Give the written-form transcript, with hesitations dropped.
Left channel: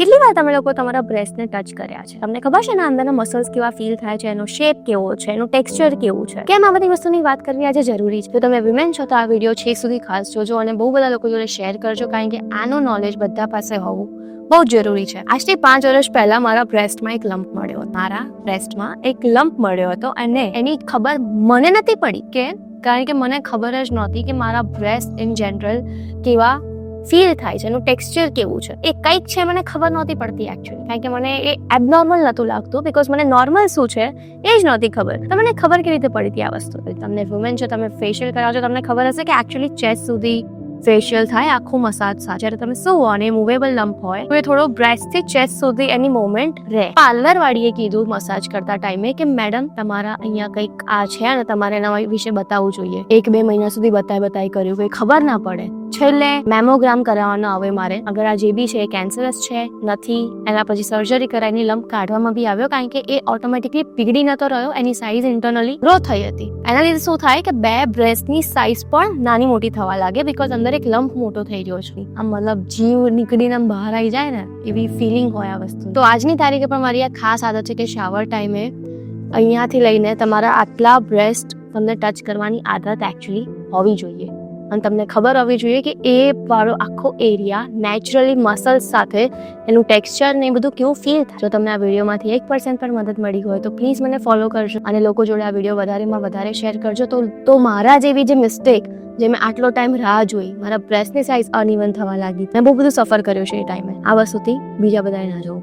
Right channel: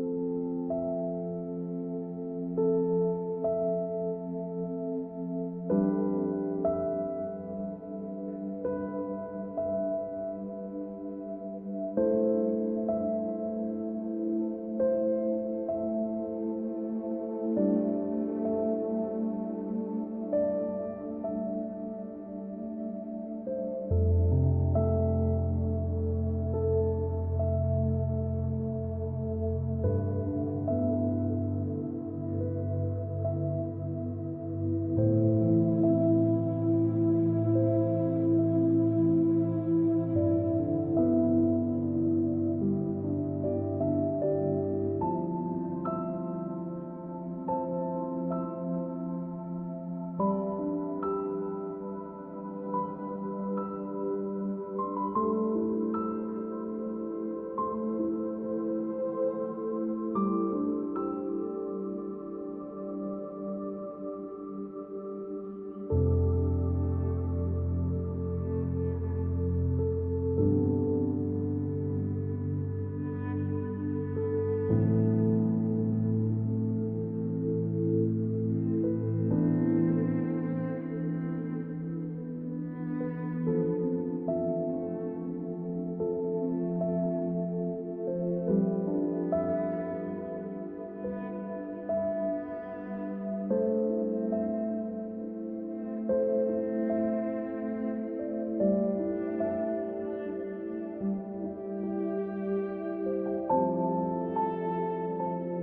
કેટલી વાર તમે લોકો તમારા બ્રેસ્ટને ટચ કર્યા છે? તમને ખબર છે ને અંદરના મસલ્સ કેવા ફીલ થાય છે, એનો શેપ કેવો છે, એનું ટેક્સચર કેવું છે? કેમ આ બધી વસ્તુની વાત કરવી આજે જરૂરી છે? જો તમે વિમેન છો તો આ વિડીયો છેક સુધી ખાસ જોજો અને બહુ બધા લોકો જોડે શેર કરજો, કારણ કે આનું નોલેજ બધા પાસે હોવું બહુ જ જરૂરી છે. આજથી 5 વર્ષ પહેલા મારા બ્રેસ્ટમાં એક લમ્પ મળ્યો હતો. મારા બ્રેસ્ટમાં એક લમ્પ મળ્યો હતો અને એની ખબર મને નથી પડી કે, કારણ કે મને ખબર જ નહોતી કે મારા બ્રેસ્ટ ઇન જનરલ કેવા ફીલ થાય છે, એનું ટેક્સચર કેવું છે. એ કંઈક છે મને ખબર નહોતી પડતી એકચ્યુઅલી, કારણ કે મને એ એબનોર્મલ નહોતું લાગતું, બીકોઝ મને નોર્મલ શું છે એ જ નહોતી ખબર. તો મને ખબર કેવી રીતે પડી હતી આ વસ્તુ? તમને વુમેન છો, તમે ફેશિયલ કરાવો છો, તમને ખબર હશે કે એકચ્યુઅલી ચેસ્ટ સુધી ફેશિયલ થાય આખું મસાજ સાથે. જ્યારે તમે સુવો અને મૂવેબલ લમ્પ હોય તો એ થોડો બ્રેસ્ટથી ચેસ્ટ સુધી એની મૂવમેન્ટ રહે. પાર્લર વાળીએ કીધું મસાજ કરતા ટાઈમે કે મેડમ તમારા અહીંયા કંઈક આ છે અને તમારે એના વિશે બતાવવું જોઈએ. 1-2 મહિના સુધી બતાવી કર્યું, કોઈ ખબર ના પડે. છેલ્લે મેમોગ્રામ કરાવવાનો આવે મારે, અગર આ જે બી છે કેન્સરસ છે નથી, એના પછી સર્જરી કરાવીને લમ્પ કાઢવામાં બી આવ્યો, કારણ કે એ ઓટોમેટિકલી પીગળી નતો રહ્યો, એની સાઇઝ ઇન્ટરનલી ગ્રો થઈ હતી. એના લીધે શું થાય કે બે બ્રેસ્ટની સાઇઝ પણ નાની મોટી થવા લાગે, બીકોઝ અંદર એક લમ્પ મોટો થઈ ગયો છે. આમ મતલબ જીવ નીકળીને બહાર આવી જાય ને એવી ફિલિંગ હોય આ વસ્તુ. તો આજની તારીખે પણ મારી આ ખાસ આદત છે કે શાવર ટાઈમે અહીંયાથી લઈને તમારા આટલા બ્રેસ્ટ તમને ટચ કરવાની આદત એકચ્યુઅલી હોવી જોઈએ, અને તમને ખબર હોવી જોઈએ કે એ વાળો આખો એરિયા નેચરલી મસલ્સ સાથે એનું ટેક્સચર ને એ બધું કેવું ફીલ થાય. જો તમને આ વિડીયોમાંથી 1% પણ મદદ મળી હોય તો પ્લીઝ મને ફોલો કરજો અને લોકો જોડે આ વિડીયો વધારેમાં વધારે શેર કરજો. તો મારા જેવી જે મિસ્ટેક, જે મેં આટલો ટાઈમ રાહ જોઈ, મારા બ્રેસ્ટની સાઇઝ અનઇવન થવા લાગી, મેં બહુ બધું સફર કર્યું છે એ ટાઈમે, આ વસ્તુથી બીજા બધાએ ના જોવું.